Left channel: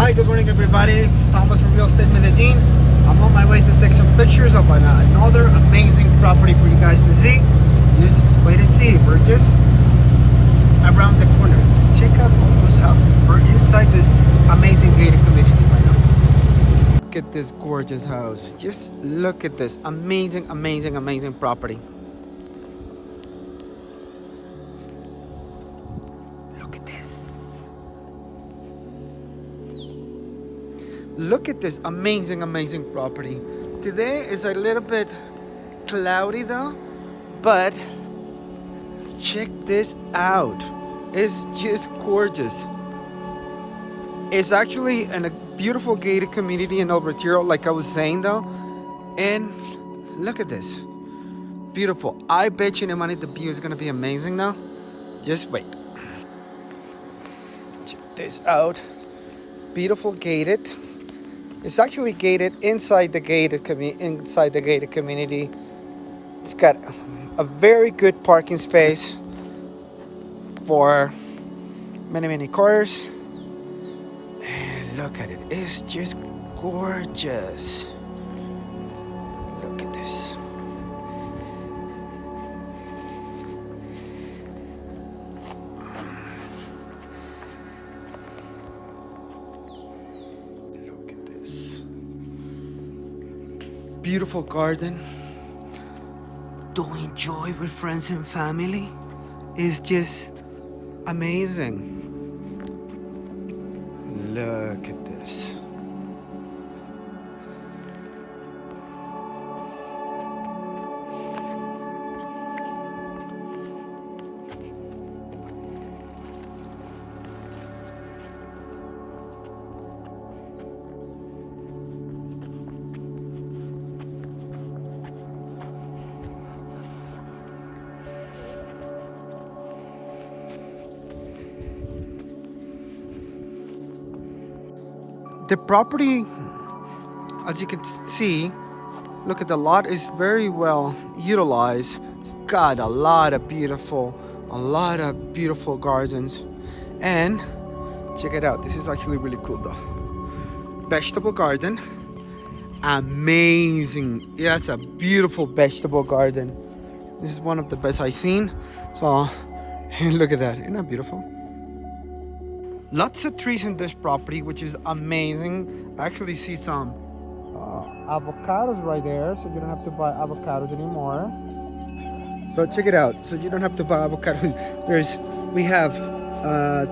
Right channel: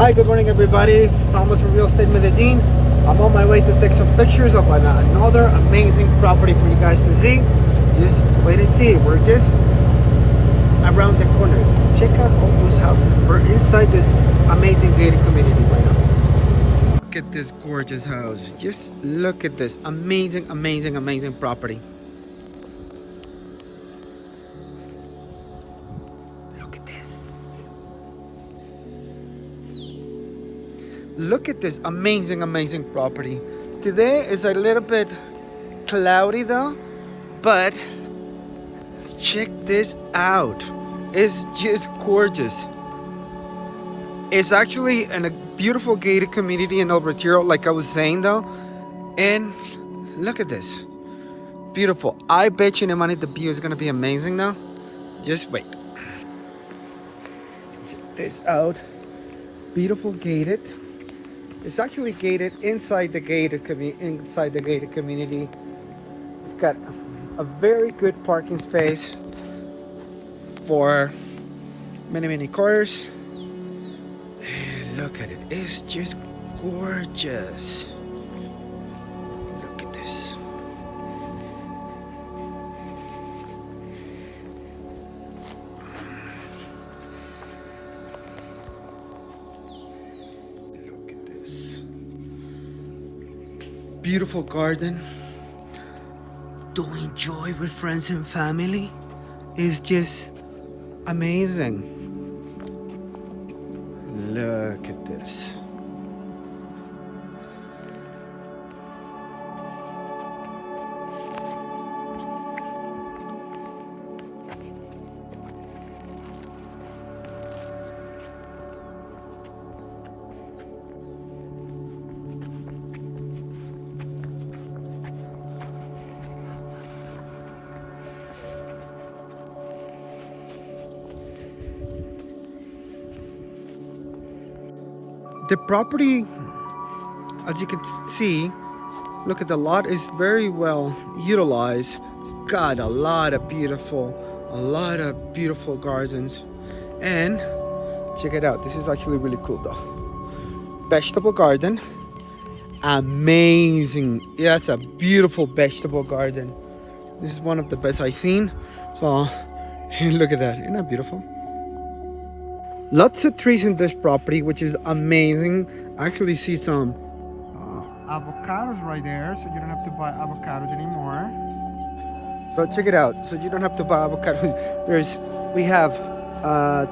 Hi, good morning everybody. It's Palmas from Real Estate Medellin. I'm on my way to take some pictures of another amazing property for you guys to see. Just wait and see. We're just around the corner. Check out all those houses. We're inside this amazing gated community right now. Look at this gorgeous house. Just look at this amazing property. Look at this. Look at this amazing property. Today is a little bit cloudy though, but check this out. It's just gorgeous. It's actually in a beautiful gated community in El Retiro, like I was saying though. And look at this. Beautiful. I bet you no money the view is gonna be amazing though. Just wait. Check this out. Beautiful gated. It's actually gated inside the gated community. It's got a very good parking space for many cars. And look at it. It's just gorgeous. Look at this. Beautiful garden to enjoy with friends and family is just amazing. Look at this. The property, as you can see, look at the lot is very well utilized. It's got a lot of beautiful gardens. And check it out. This is actually really cool though. Vegetable garden. Amazing. Yeah, it's a beautiful vegetable garden. This is one of the best I've seen. So look at that. Isn't that beautiful? Lots of trees in this property, which is amazing. I actually see some avocados right there, so you don't have to buy avocados anymore. So check it out. So you don't have to buy avocados. We have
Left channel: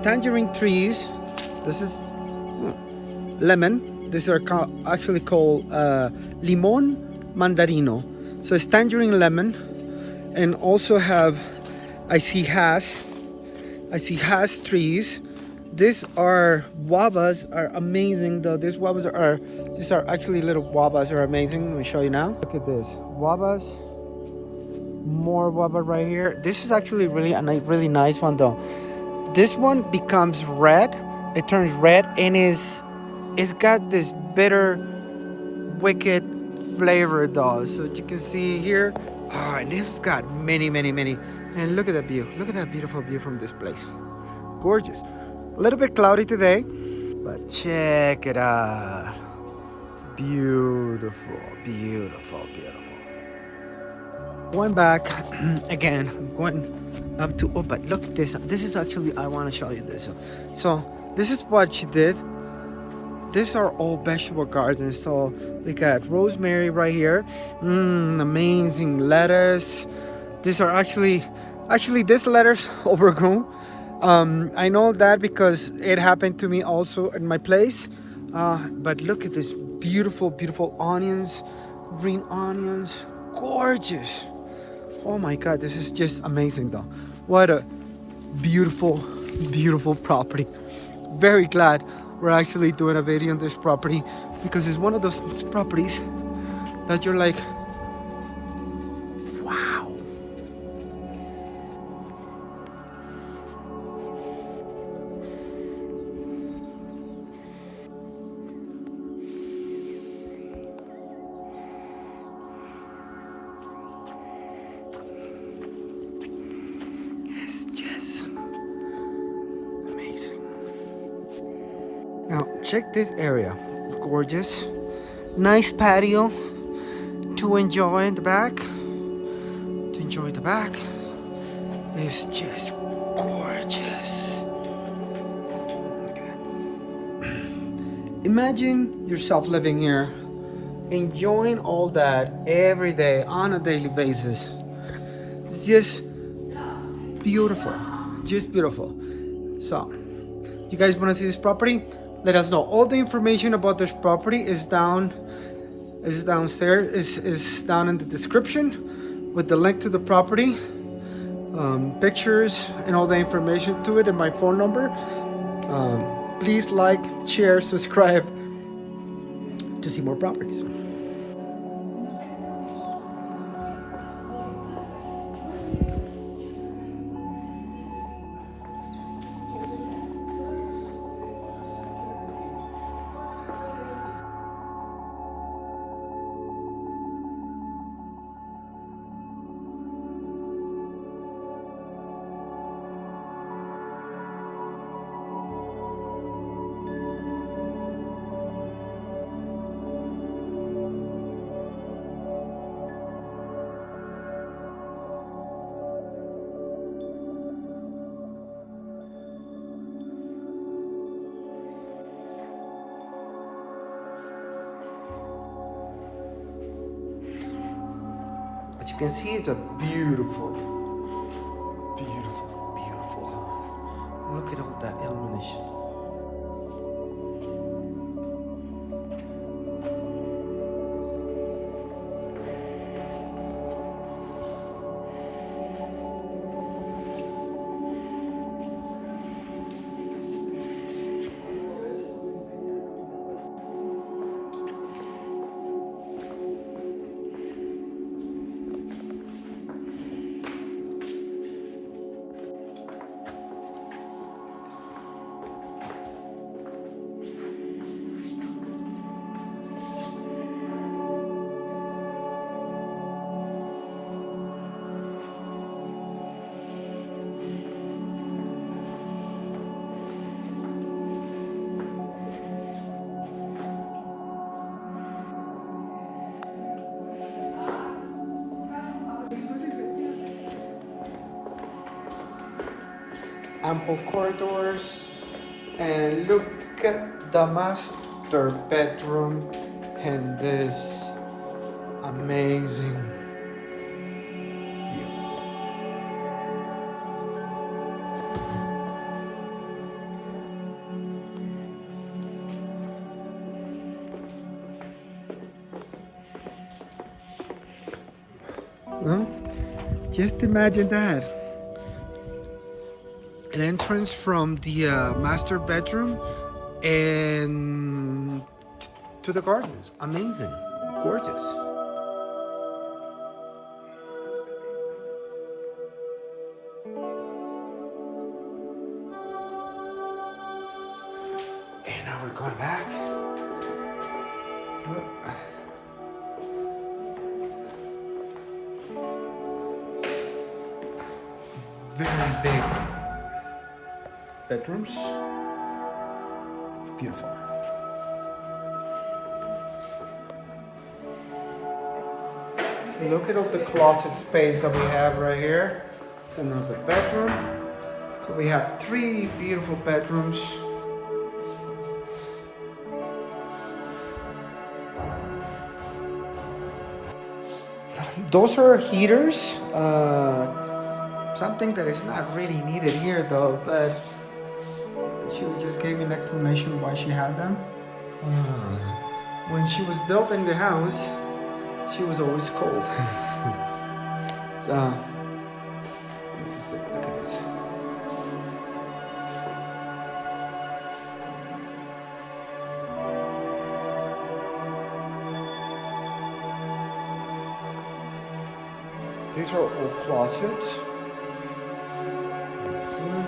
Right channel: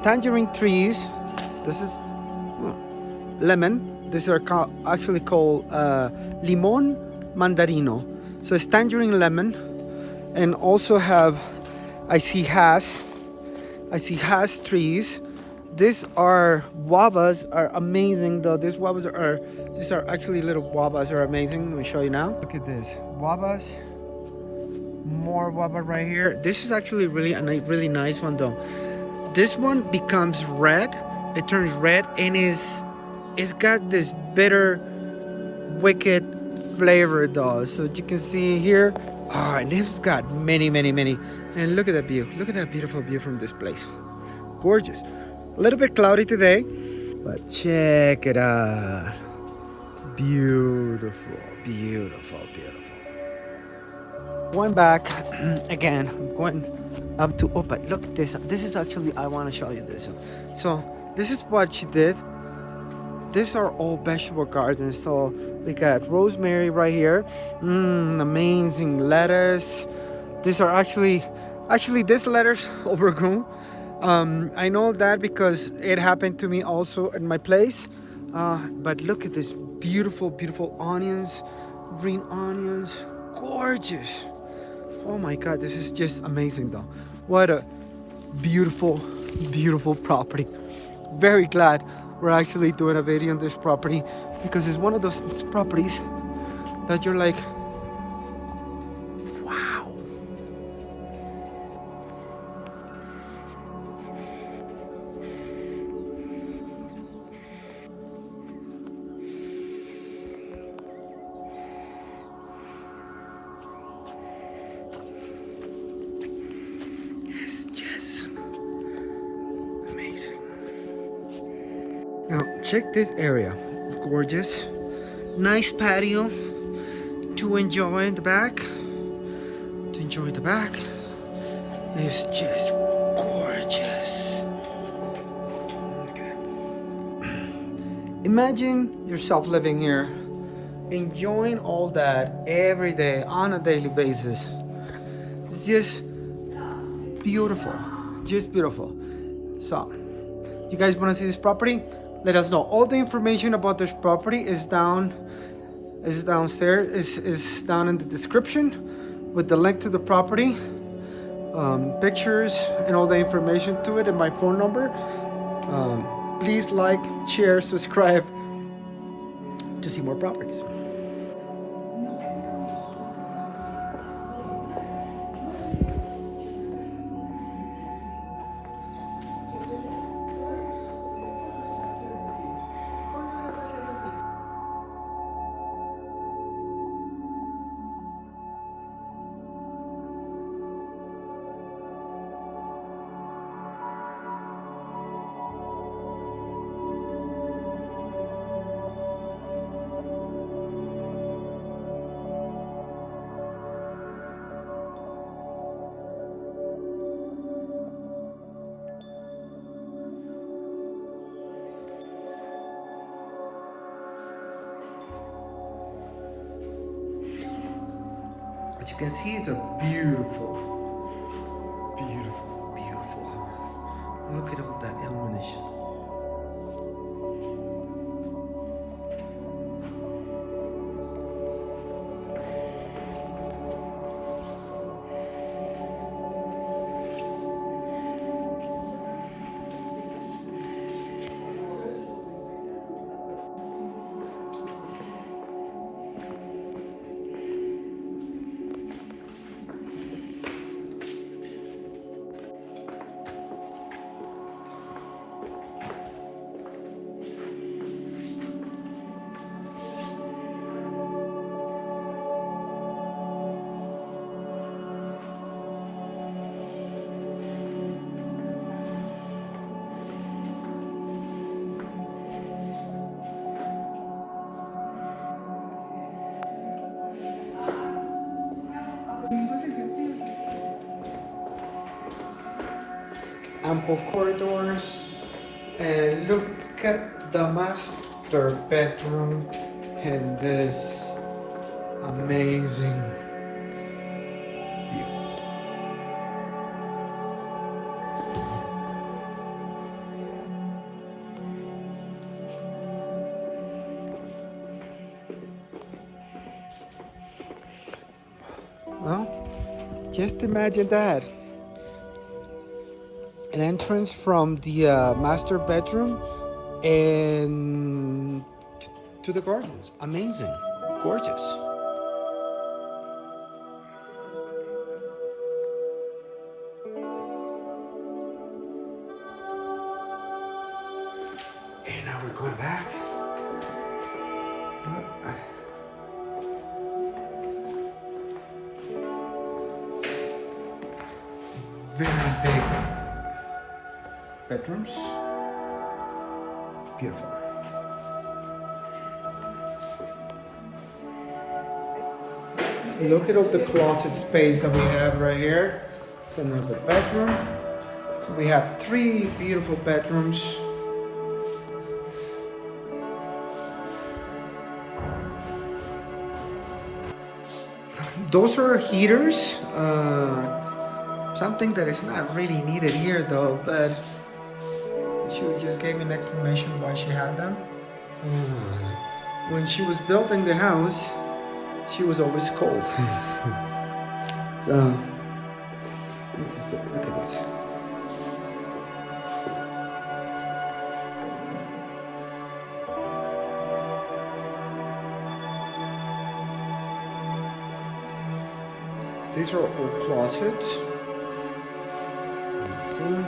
tangerine trees. This is lemon. These are actually called limon mandarino. So it's tangerine lemon, and also have I see hass trees. These are guavas, are amazing though. These are actually little guavas, are amazing. Let me show you now. Look at this, guavas. More guava right here. This is actually really nice one though. This one becomes red. It turns red and it's got this bitter, wicked flavor though. So you can see here. Oh, and it's got many. And look at that view. Look at that beautiful view from this place. Gorgeous. A little bit cloudy today, but check it out. Beautiful. Going back again, going up to but look at this. This is actually, I want to show you this. So this is what she did. These are all vegetable gardens. So we got rosemary right here. Amazing lettuce. These are actually this lettuce overgrown. I know that because it happened to me also in my place. But look at this beautiful onions, green onions, gorgeous. Oh my God, this is just amazing though. What a beautiful property. Very glad we're actually doing a video on this property, because it's one of those properties that you're like, wow. Now check this area. Gorgeous. Nice patio to enjoy in the back. To enjoy the back. It's just gorgeous. Imagine yourself living here, enjoying all that every day on a daily basis. It's just beautiful, just beautiful. So, you guys want to see this property? Let us know. All the information about this property is downstairs, is down in the description with the link to the property, pictures, and all the information to it, and my phone number. Please like, share, subscribe to see more properties. As you can see, it's a beautiful, beautiful, beautiful. Look at all that illumination. Ample corridors, and look at the master bedroom and this amazing view. Well, just imagine that. An entrance from the master bedroom and to the gardens. Amazing, gorgeous. And now we're going back. Very big bedrooms. Beautiful. Look at all the closet space that we have right here. It's another bedroom. So we have 3 beautiful bedrooms. Those are heaters. Something that is not really needed here though, but she just gave me an explanation why she had them. When she was building the house, she was always cold. So, this is it. Look at this. These are all closets. Let's see.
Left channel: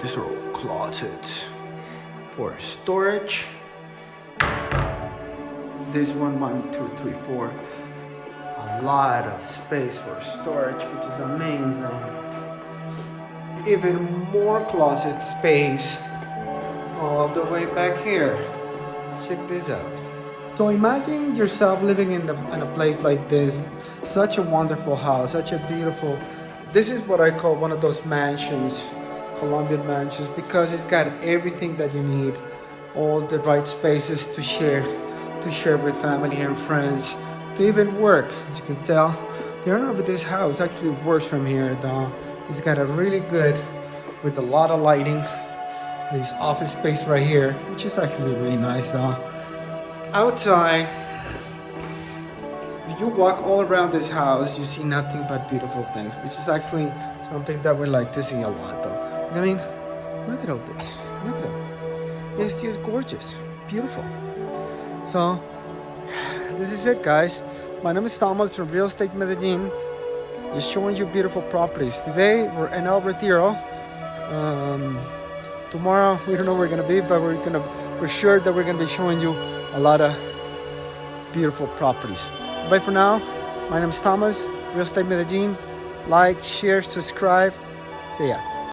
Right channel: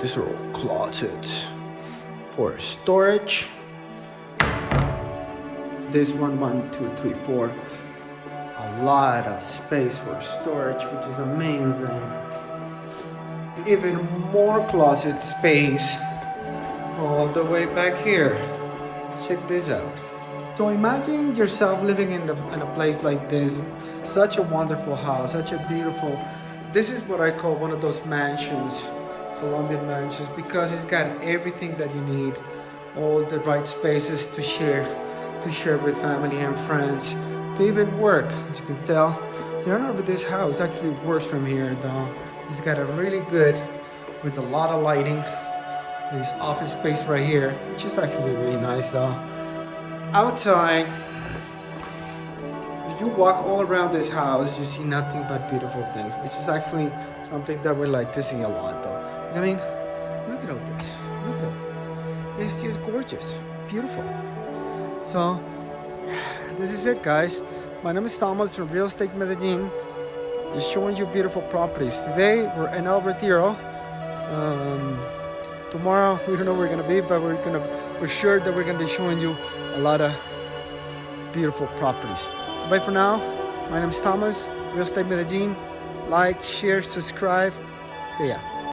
These are all closets for storage. This one, 1, 2, 3, 4. A lot of space for storage, which is amazing. Even more closet space all the way back here. Check this out. So imagine yourself living in a place like this. Such a wonderful house, such a beautiful. This is what I call one of those mansions, Colombian mansions, because it's got everything that you need, all the right spaces to share with family and friends, to even work. As you can tell, the owner of this house actually works from here, though. He's got a really good, with a lot of lighting, this office space right here, which is actually really nice, though. Outside, if you walk all around this house, you see nothing but beautiful things, which is actually something that we like to see a lot, though. I mean, look at all this. Look at it. It's just gorgeous, beautiful. So, this is it, guys. My name is Thomas from Real Estate Medellin. Just showing you beautiful properties. Today we're in El Retiro. Tomorrow we don't know where we're gonna be, but we're sure that we're gonna be showing you a lot of beautiful properties. Bye for now. My name is Thomas, Real Estate Medellin. Like, share, subscribe. See ya.